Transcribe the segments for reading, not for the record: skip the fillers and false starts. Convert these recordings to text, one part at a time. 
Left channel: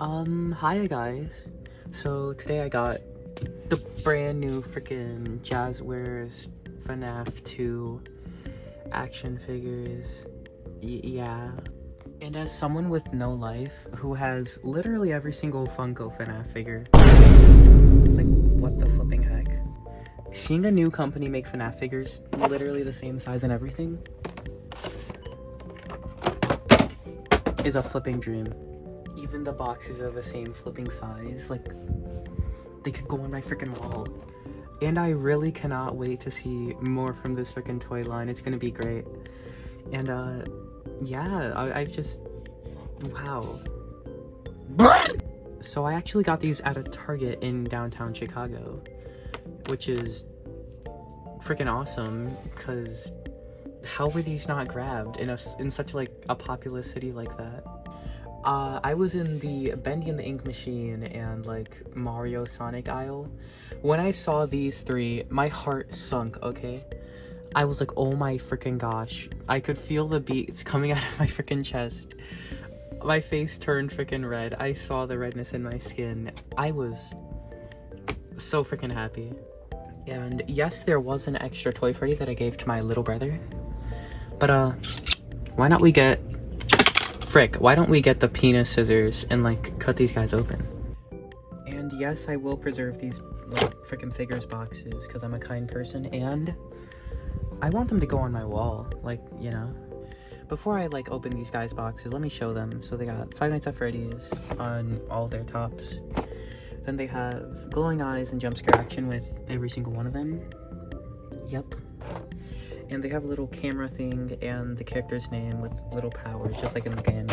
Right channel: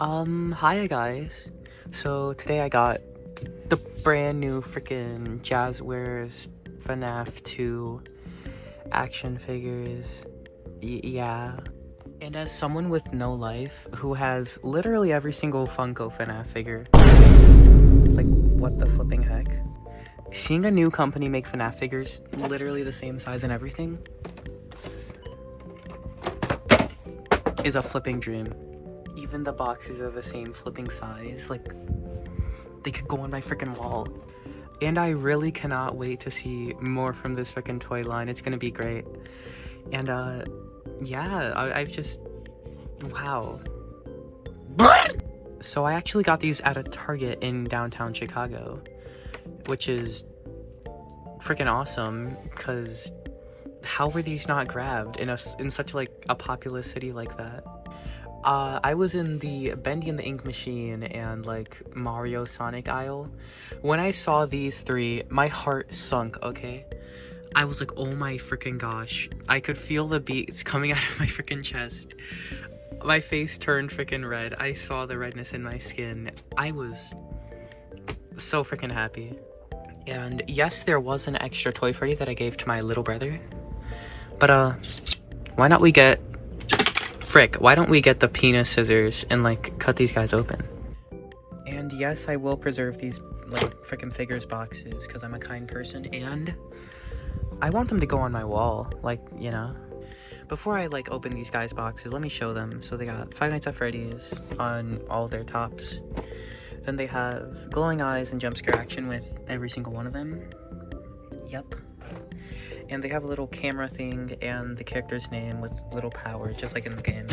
Hiya guys. So today I got the brand new freaking Jazwares Fnaf 2 action figures. Yeah. And as someone with no life who has literally every single Funko Fnaf figure, like what the flipping heck? Seeing a new company make Fnaf figures literally the same size and everything is a flipping dream. Even the boxes are the same flipping size, like they could go on my freaking wall. And I really cannot wait to see more from this freaking toy line. It's gonna be great. And yeah, I've just, wow. So I actually got these at a Target in downtown Chicago, which is freaking awesome, because how were these not grabbed in such like a populous city like that? I was in the Bendy and the Ink Machine and like Mario Sonic aisle. When I saw these three, my heart sunk, okay? I was like, oh my freaking gosh. I could feel the beats coming out of my freaking chest. My face turned freaking red. I saw the redness in my skin. I was so freaking happy. And yes, there was an extra Toy Freddy that I gave to my little brother. But why don't we get why don't we get the penis scissors and like cut these guys open? And yes, I will preserve these like freaking figures boxes because I'm a kind person and I want them to go on my wall, like, you know. Before I like open these guys boxes, let me show them. So they got Five Nights at Freddy's on all their tops. Then they have glowing eyes and jump scare action with every single one of them. Yep. And they have a little camera thing and the character's name with little powers, just like in the game.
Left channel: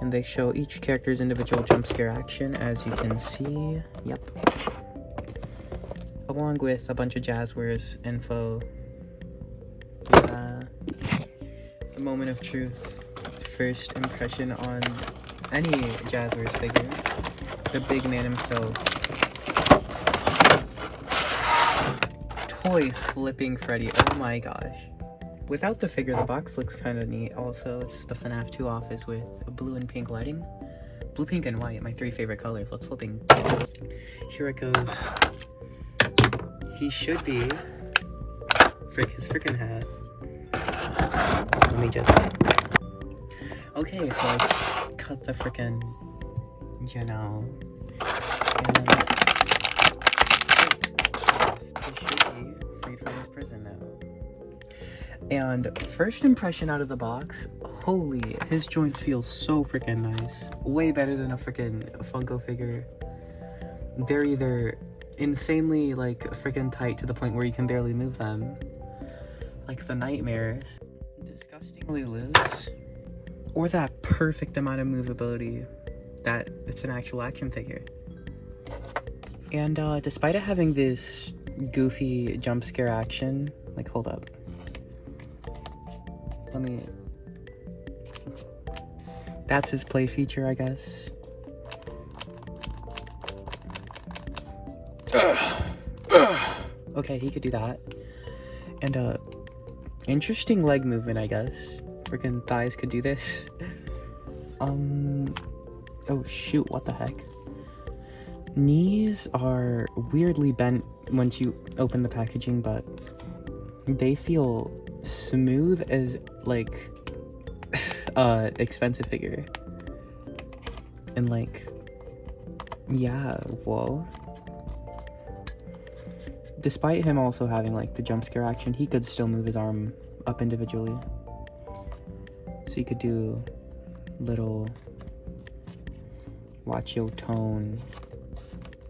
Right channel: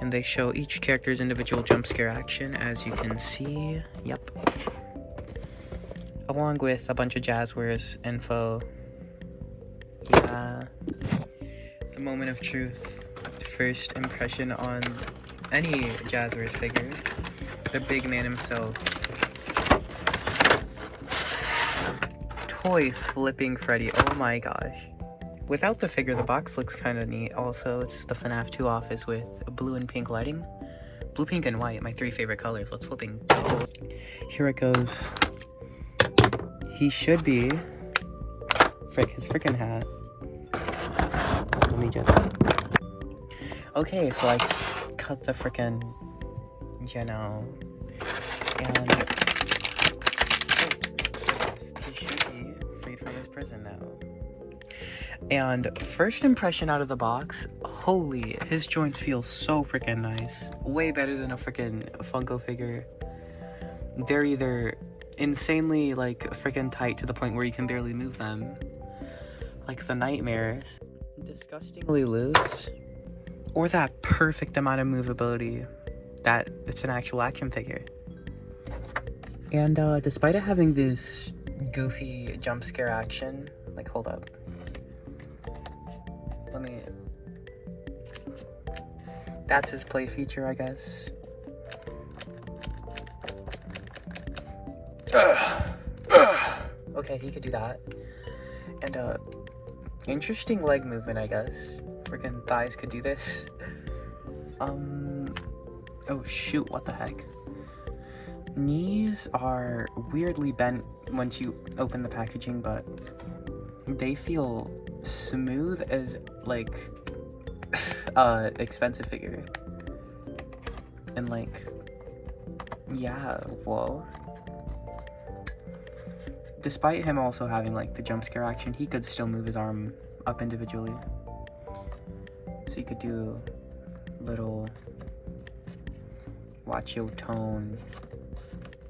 And they show each character's individual jump scare action, as you can see. Yep. Along with a bunch of Jazwares info. Yeah. The moment of truth. First impression on any Jazwares figure. The big man himself. Toy flipping Freddy, oh my gosh. Without the figure, the box looks kind of neat. Also, it's the Fnaf 2 office with blue and pink lighting. Blue, pink, and white, my three favorite colors. Let's flipping. Here it goes. He should be. Frick, his freaking hat. Let me just. Okay, so I cut the freaking, you know. And he should be freed from his prison now. And first impression out of the box, holy, his joints feel so freaking nice. Way better than a freaking Funko figure. They're either insanely like freaking tight to the point where you can barely move them, like the nightmares, disgustingly loose, or that perfect amount of movability that it's an actual action figure. And despite it having this goofy jump scare action, like hold up. That's his play feature, I guess. Okay, he could do that. And interesting leg movement, I guess. Freaking thighs could do this. Oh shoot, what the heck? Knees are weirdly bent once you open the packaging, but they feel smooth as like expensive figure. And like, yeah, whoa. Despite him also having like the jump scare action, he could still move his arm up individually. So you could do little watch your tone.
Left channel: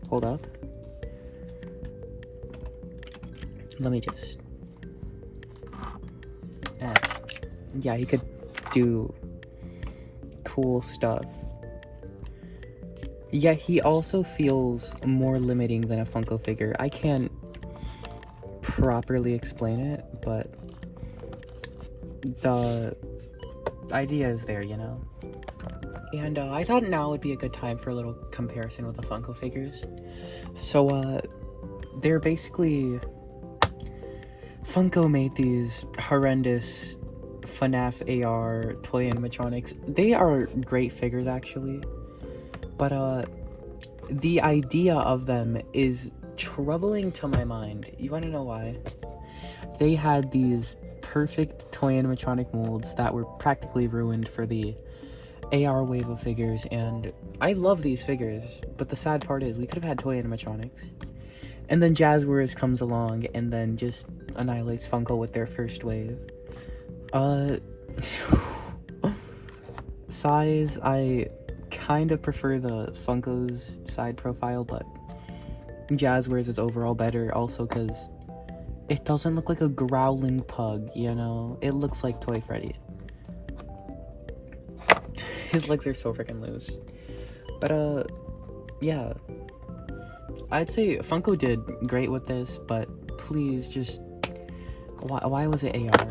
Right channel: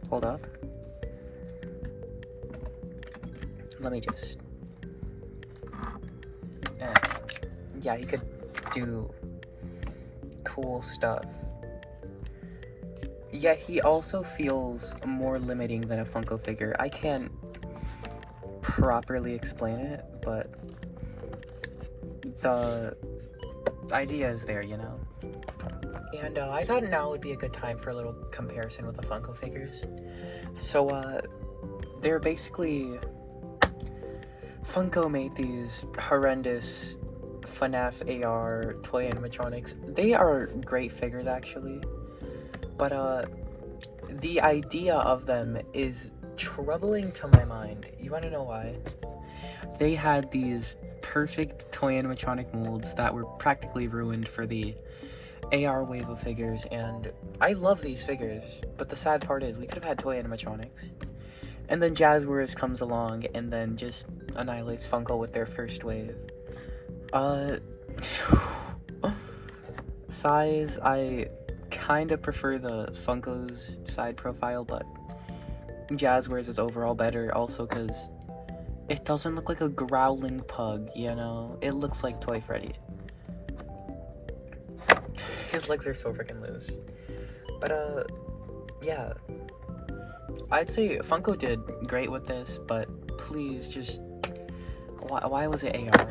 Hold up. Let me just. Yeah, he could do cool stuff. Yeah, he also feels more limiting than a Funko figure. I can't properly explain it, but the idea is there, you know? And I thought now would be a good time for a little comparison with the Funko figures. So, they're basically... Funko made these horrendous Fnaf AR toy animatronics. They are great figures actually, but the idea of them is troubling to my mind. You want to know why? They had these perfect toy animatronic molds that were practically ruined for the AR wave of figures, and I love these figures, but the sad part is we could have had toy animatronics. And then Jazwares comes along and then just annihilates Funko with their first wave. Size, I kind of prefer the Funko's side profile, but Jazwares is overall better also because it doesn't look like a growling pug, you know? It looks like Toy Freddy. His legs are so freaking loose. But, yeah. I'd say Funko did great with this, but please just... Why was it AR?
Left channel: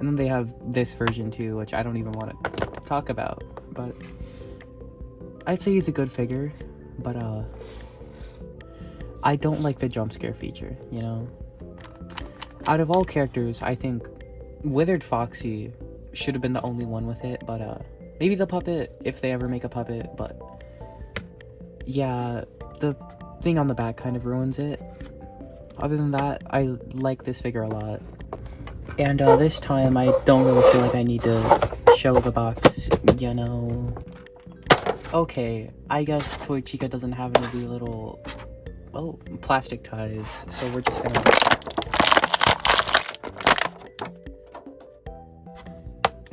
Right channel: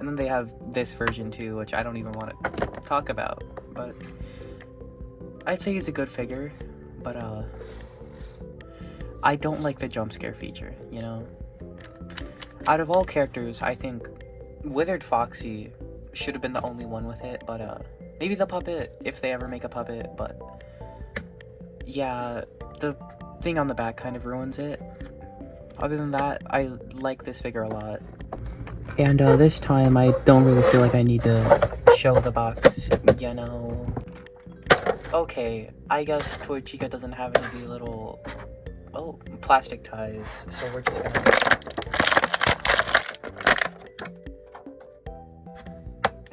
And then they have this version too, which I don't even want to talk about, but... I'd say he's a good figure, but, I don't like the jump scare feature, you know? Out of all characters, I think Withered Foxy should have been the only one with it, but, maybe the puppet, if they ever make a puppet, but... Yeah, the thing on the back kind of ruins it. Other than that, I like this figure a lot. And this time I don't really feel like I need to show the box, you know. Okay, I guess Toy Chica doesn't have any of the little, plastic ties, so we're just gonna...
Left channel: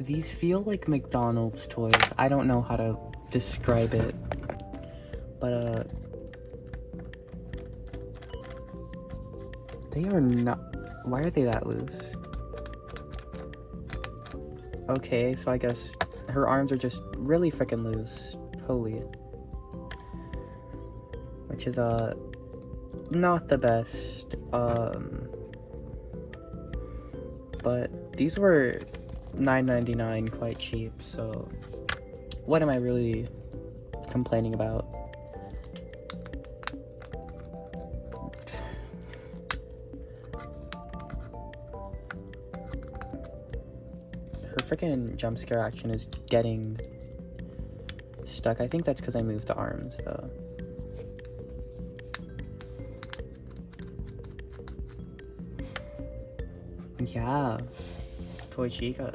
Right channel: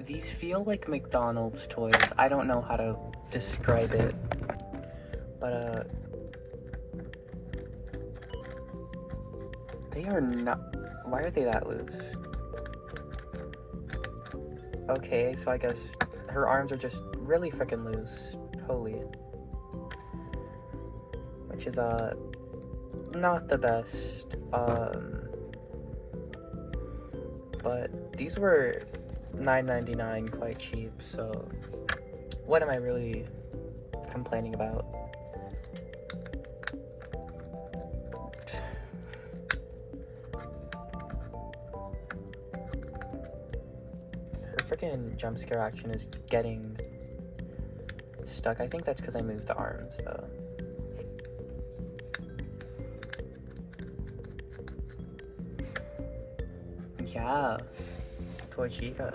These feel like McDonald's toys. I don't know how to describe it, but they are not... Why are they that loose? Okay, so I guess her arms are just really freaking loose. Holy. Which is, not the best. But these were $9.99, quite cheap, so what am I really complaining about? Freaking jump scare action is getting stuck. I think that's because I moved the arms, though. Yeah, Toy Chica.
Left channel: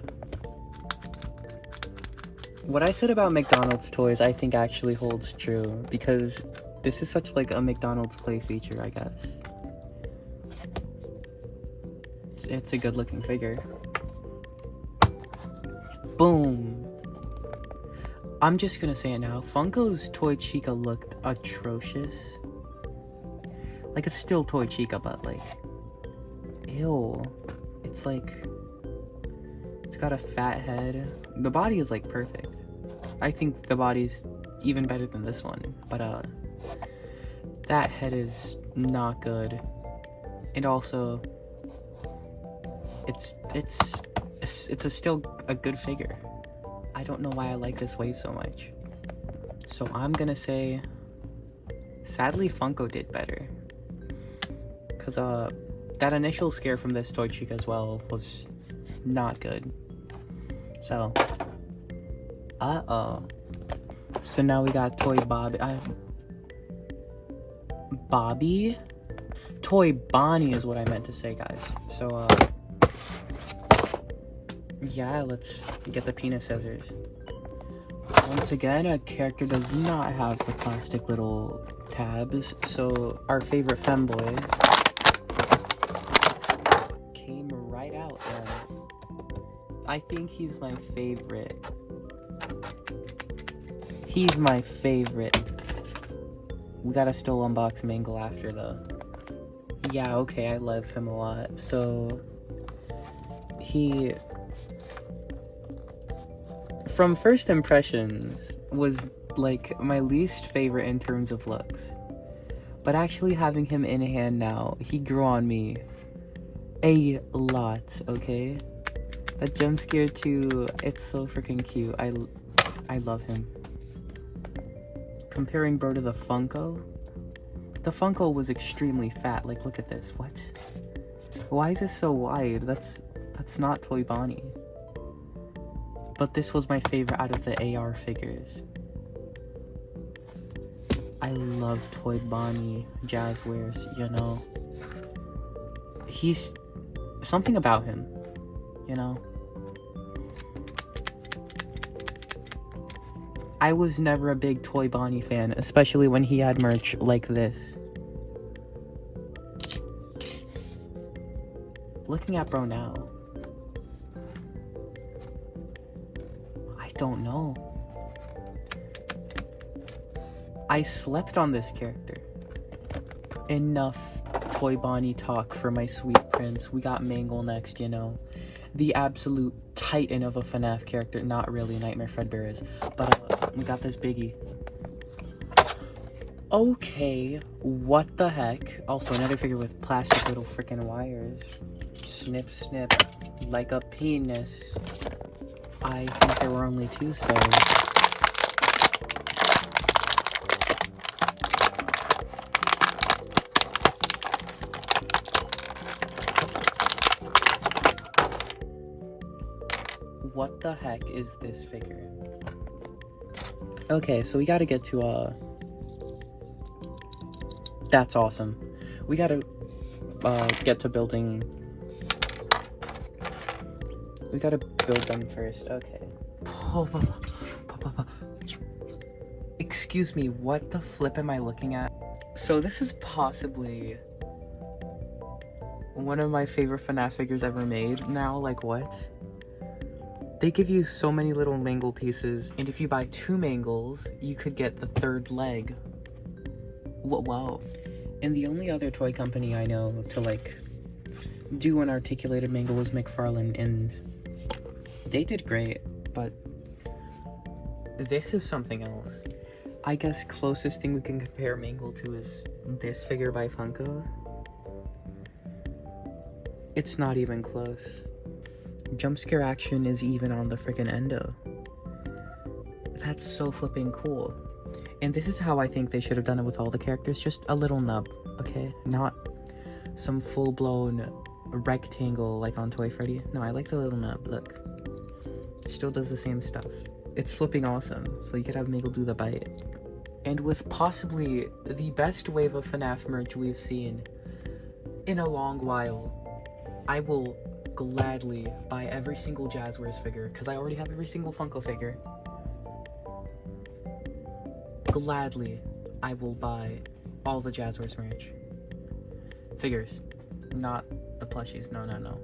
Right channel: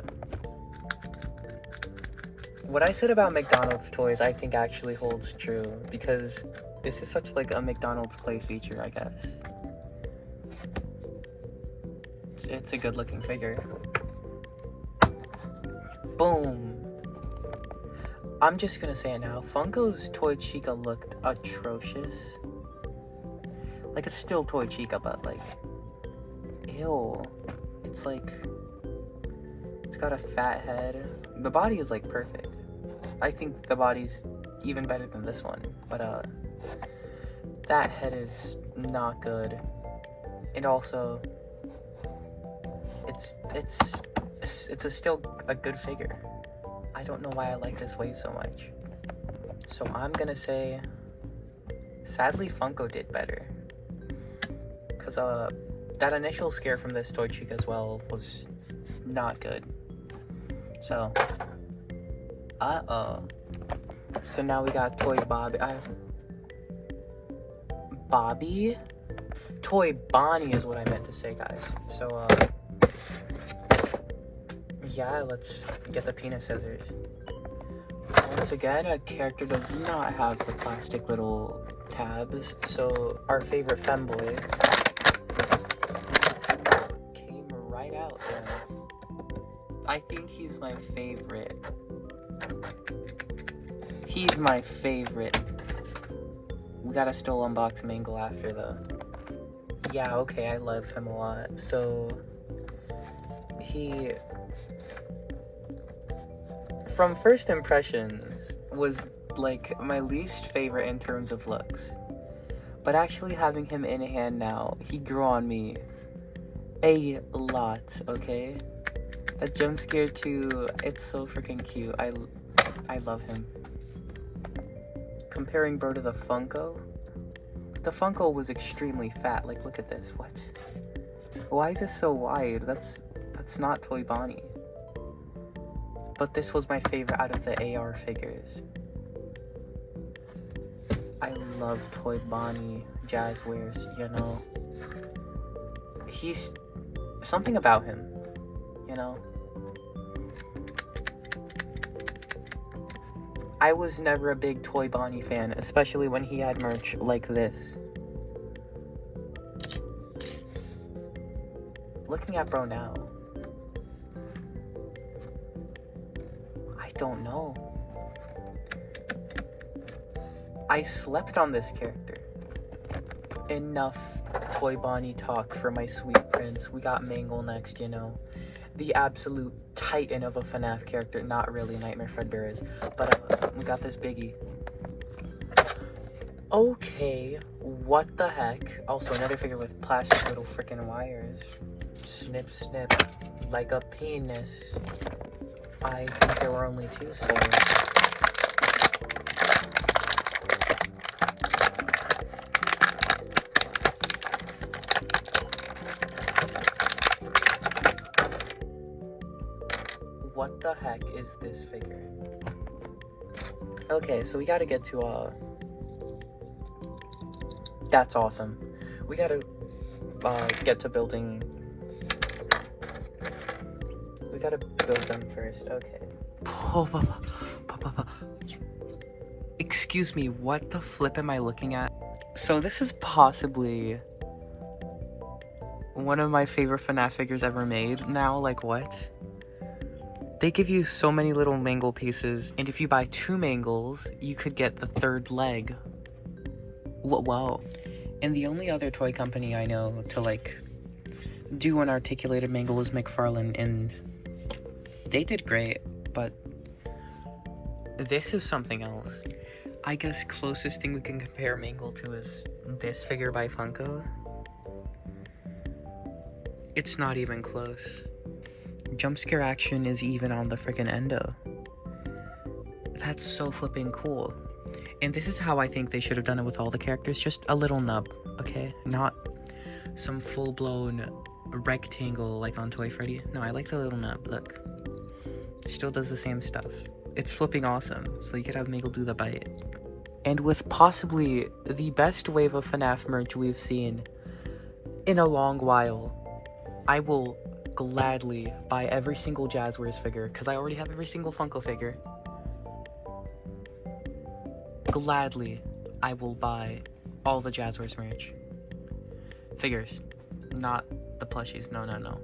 What I said about McDonald's toys, I think actually holds true, because this is such like a McDonald's play feature, I guess. It's a good looking figure. Boom. I'm just gonna say it now. Funko's Toy Chica looked atrocious. Like, it's still Toy Chica, but like, ew. It's like, it's got a fat head. The body is like perfect. I think the body's even better than this one, but that head is not good. And also, it's still a good figure. I don't know why I like this wave so much. So I'm gonna say, sadly Funko did better. Cause that initial scare from this Toy Chica as well was not good. So, so now we got Toy Bobby. Bobby? Toy Bonnie is what I meant to say, guys. So, yeah, let's get the penis scissors. Once again, a character does not have the plastic little tabs, so our favorite femboy came right out there. I think he's my favorite. He's my favorite. We gotta still unbox Mangle after though. Yeah, okay, I love him a lot. So, he... From first impressions, was like my least favorite in terms of looks. But actually having him in hand now, he grew on me a lot, okay? That jump scare too, it's so freaking cute. I love him. Comparing bro to the Funko was extremely fat. Like, look at this. What? Why is this so wide? That's not Toy Bonnie. But this was my favorite out of the AR figures. I love Toy Bonnie, Jazwares, you know. He's something about him, you know. I was never a big Toy Bonnie fan, especially when he had merch like this. Looking at bro now, I don't know. I slept on this character. Enough Toy Bonnie talk for my sweet prince. We got Mangle next, you know. The absolute titan of a Fnaf character. Not really, Nightmare Fredbear is. But we got this biggie. Okay, what the heck? Also, another figure with plastic little freaking wires. Snip, snip. Like a penis. I think there were only 2, so... What the heck is this figure? Okay, so we gotta get to, That's awesome. We gotta, get to building... We gotta build them first, okay. Excuse me, what the flip am I looking at? So this is possibly one of my favorite Fnaf figures ever made now, like what? They give you so many little Mangle pieces, and if you buy 2 Mangles, you could get the 3rd leg. Wow. And the only other toy company I know to, like, do an articulated Mangle was McFarlane, and they did great, but this is something else. I guess closest thing we can compare Mangle to is this figure by Funko. It's not even close. Jump scare action is even on the freaking endo. That's so flipping cool. And this is how I think they should have done it with all the characters. Just a little nub, okay? Not some full-blown rectangle like on Toy Freddy. No, I like the little nub. Look. Still does the same stuff. It's flipping awesome. So you could have Mangle do the bite. And with possibly the best wave of Fnaf merch we've seen in a long while, I will gladly buy every single Jazwares figure, because I already have every single Funko figure. Gladly, I will buy all the Jazwares merch. Figures. Not the plushies, no.